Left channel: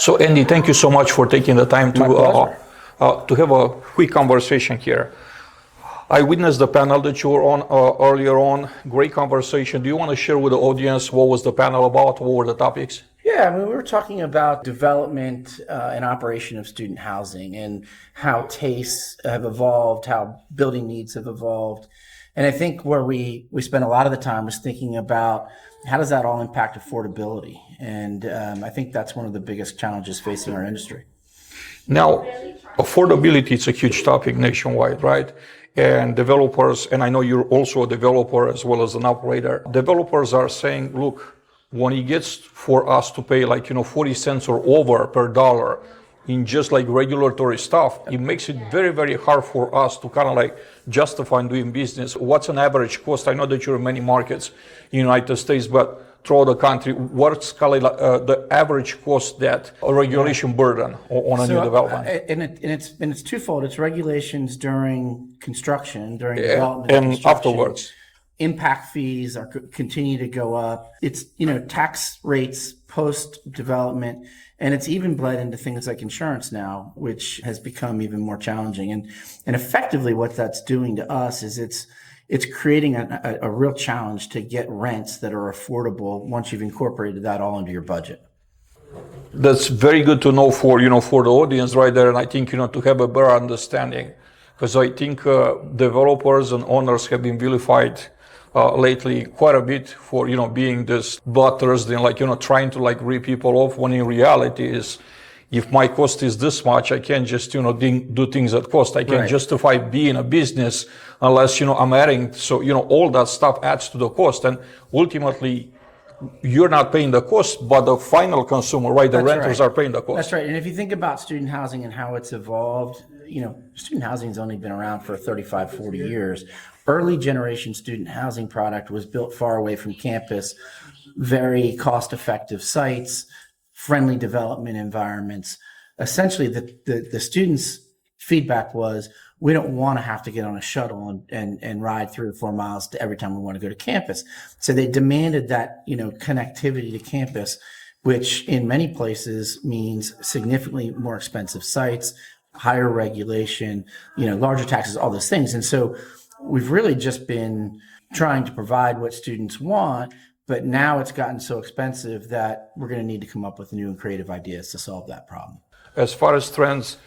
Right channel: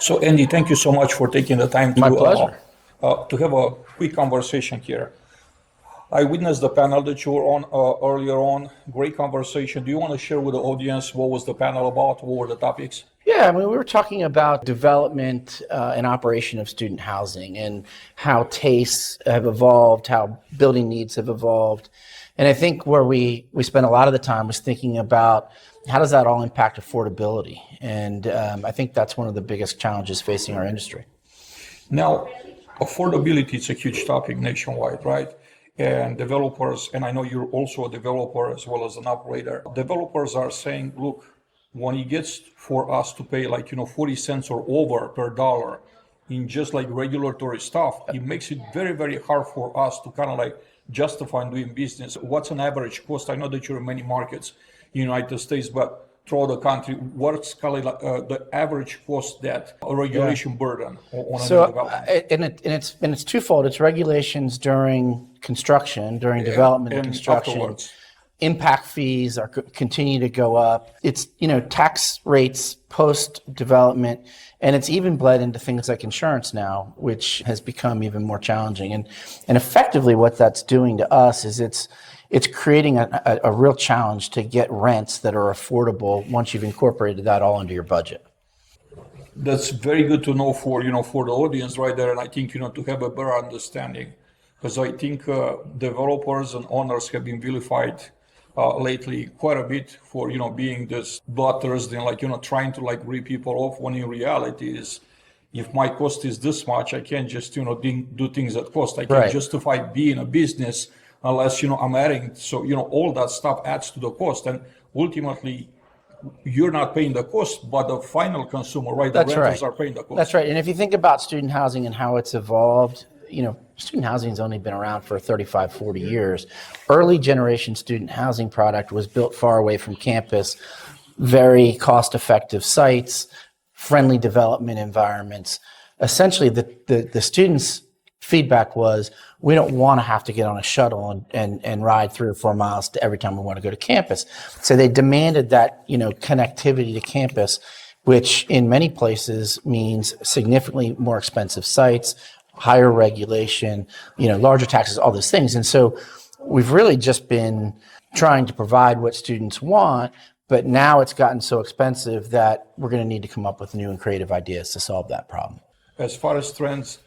So Andy, thank you so much for taking the time My pleasure. To have a quick conversation here. I witnessed the panel that you were on earlier on. Great conversation. Do you want to share with the audience what was the panel about? What were the topics? Yeah, I mean, we were talking about development and operation of student housing and how tastes have evolved, how building needs have evolved. And I think where we spent a lot of the time was thinking about how does that all impact affordability? And I think that's one of the biggest challenges facing our industry. Now, affordability is a huge topic nationwide, right? And developers, and I know you're also a developer as well as an operator, developers are saying, look, when it gets for us to pay 40 cents or over per dollar in just like regulatory stuff, it makes it very, very hard for us to kind of justify doing business. What's an average cost? I know that you're in many markets in the United States, but throughout the country, what's the average cost that a regulation burden on a new development? And it's twofold. It's regulations during construction, during development and construction. Afterwards. Impact fees continue to go up. It's tax rates post development, and it's even bled into things like insurance now, which has become even more challenging. And effectively, what that's doing to us is it's creating a real challenge to get rents that are affordable once you've incorporated that all into your budget. That's very good to know for for the audience right there, and I think to have a better understanding, because I think developers and owners have been vilified lately quite a bit for being this bloodthirsty and trying to rip people off, when in reality is, if my cost is this much, I can't just do things at cost. I can't justify being a business unless I'm adding. So all that stuff adds to the cost, and ultimately you're not paying the cost, but the final consumer, right? The renters are paying the cost. That's right. And if you think about student housing and how it's evolved, student housing has only been around for 35, 40 years. Early generation student housing product was built far away from campus, very cost-effective sites, friendly development environments. Essentially, the students' feedback was, we don't want to have to get on a shuttle and ride 3 or 4 miles to every time we want to go to campus. So they demanded that connectivity to campus, which in many places means significantly more expensive sites, higher regulation, larger taxes, all those things. And so we've really just been trying to provide what students want, but now it's gotten so expensive that we're going to need to come up with new and creative ideas to solve that problem. As far as trends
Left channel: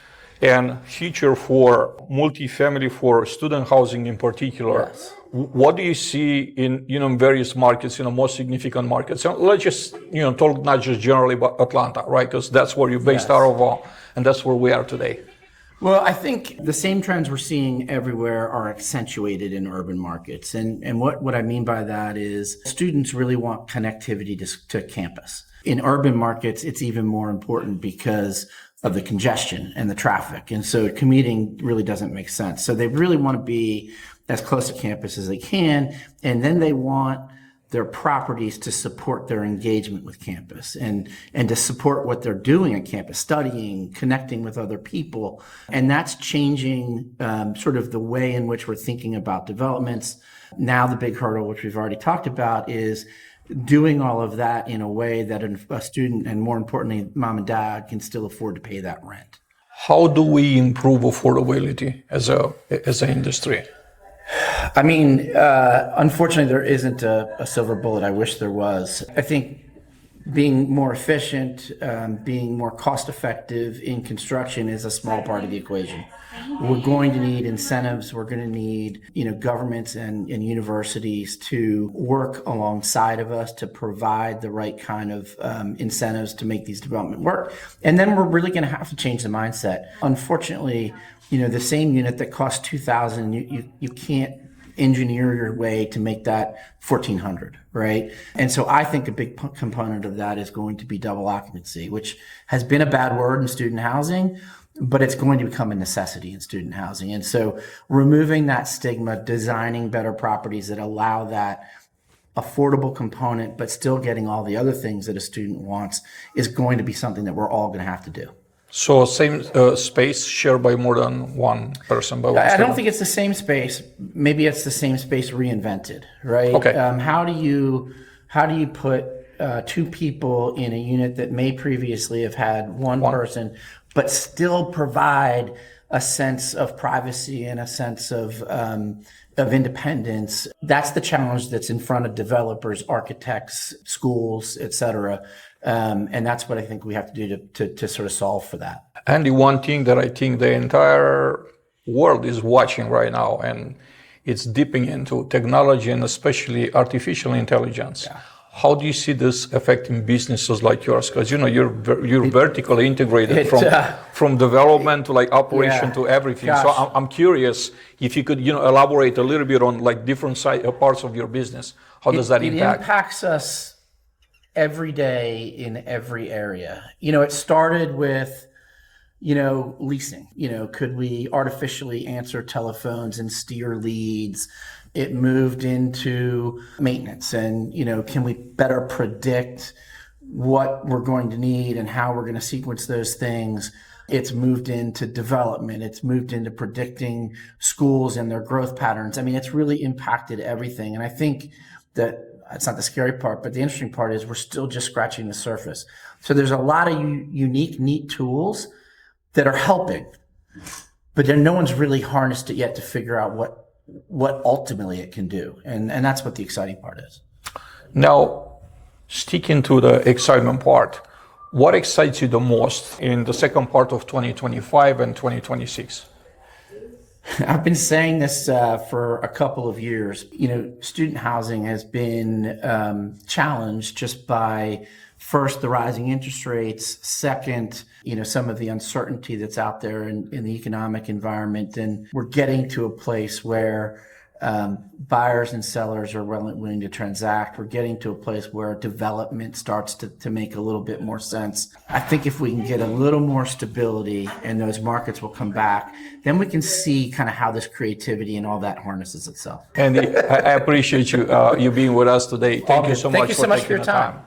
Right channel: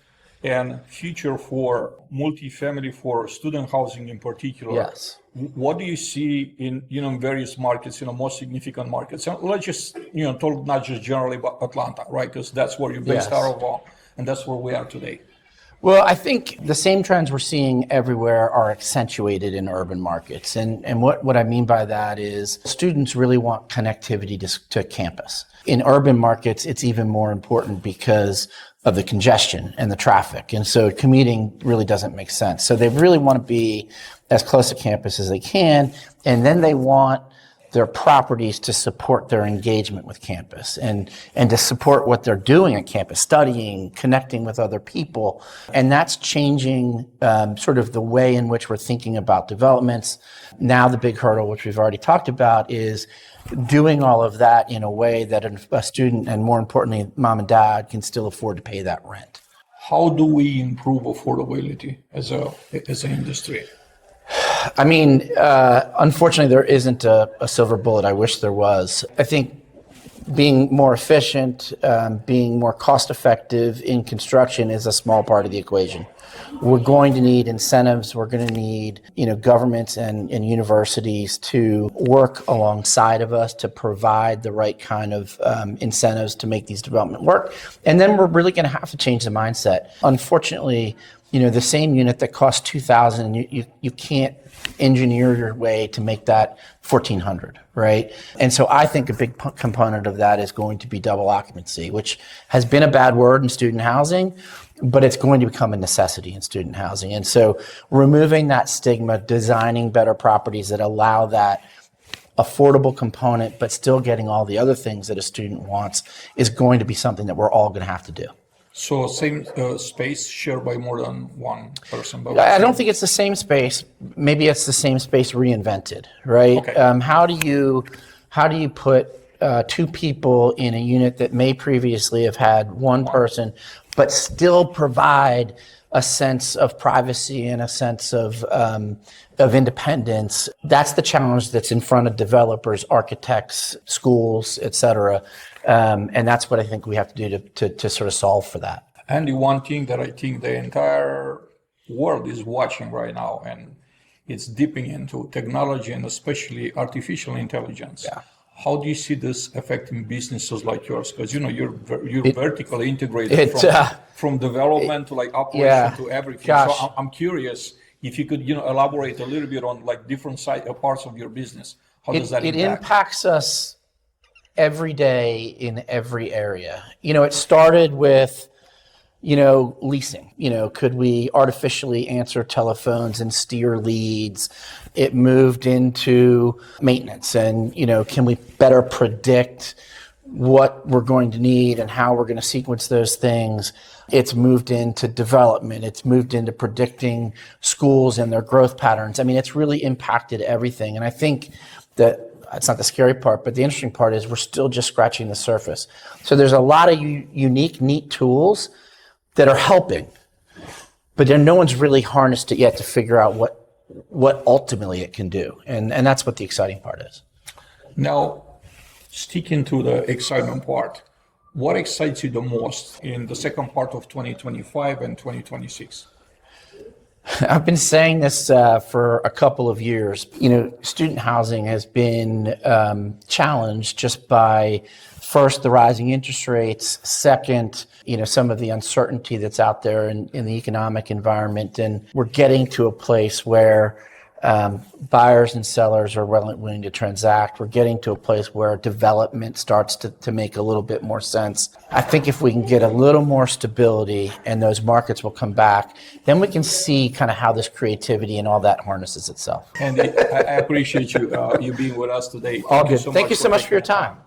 and future for multifamily, for student housing in particular, Yes. What do you see in various markets, most significant markets? So let's just talk not just generally about Atlanta, right? Because that's where you're based out of, and that's where we are today. Well, I think the same trends we're seeing everywhere are accentuated in urban markets. And what I mean by that is students really want connectivity to campus. In urban markets, it's even more important because of the congestion and the traffic. And so commuting really doesn't make sense. So they really want to be as close to campus as they can. And then they want their properties to support their engagement with campus and to support what they're doing on campus, studying, connecting with other people. And that's changing sort of the way in which we're thinking about developments. Now the big hurdle, which we've already talked about, is doing all of that in a way that a student, and more importantly, mom and dad, can still afford to pay that rent. How do we improve affordability as an industry? I mean, unfortunately, there isn't a silver bullet. I wish there was. I think being more efficient, being more cost effective in construction is a small part of the equation. We're going to need incentives. We're going to need, governments and universities to work alongside of us to provide the right kind of incentives to make these development work. And then we're really going to have to change the mindset. Unfortunately, the same unit that costs $2,000, you can't engineer your way to make that $1,400, right? And so I think a big component of that is going to be double occupancy, which has been a bad word in student housing, but it's going to become a necessity in student housing. And so removing that stigma, designing better properties that allow that affordable component, but still getting all the other things that a student wants, is going to be something that we're all going to have to do. So same space shared by more than one person? I don't think it's the same space. Maybe it's the same space reinvented, right? Okay. How do you put two people in a unit that may previously have had one person, but still provide a sense of privacy and a sense of independence. That's the challenge that's in front of developers, architects, schools, et cetera. And that's what I think we have to do to sort of solve for that. And the one thing that I think the entire world is watching right now, and it's dipping into technology and especially artificial intelligence. Yeah. How do you see this affecting businesses like yours? Because you're vertically integrated from development to like operation to everything. Gosh. So I'm curious if you could elaborate a little bit on like different parts of your business. How does that impact? It impacts us every day in every area. It started with leasing. Could we artificially answer telephones and steer leads? It moved into maintenance and, can we better predict what we're going to need and how we're going to sequence those things? It's moved into development. It's moved into predicting schools and their growth patterns. I mean, it's really impacted everything. And I think that's not the scary part, but the interesting part is we're still just scratching the surface. So there's a lot of unique, neat tools that are helping, but then no one's really harnessed it yet to figure out what ultimately it can do. And that's what the exciting part is. Now, sticking to the excitement part, what excites you the most in the second part of 2025 and 2026? I've been saying this for a couple of years. Student housing has been challenged just by, first, the rising interest rates, second, some of the uncertainty that's out there in the economic environment. And we're getting to a place where buyers and sellers are willing to transact. We're getting to a place where development starts to make a little bit more sense. I think if we can get a little more stability and those markets will come back, then we can see kind of how this creativity and all that harnesses itself. Andy, I appreciate you being with us today. Thank you so much. Thank you so much for your time.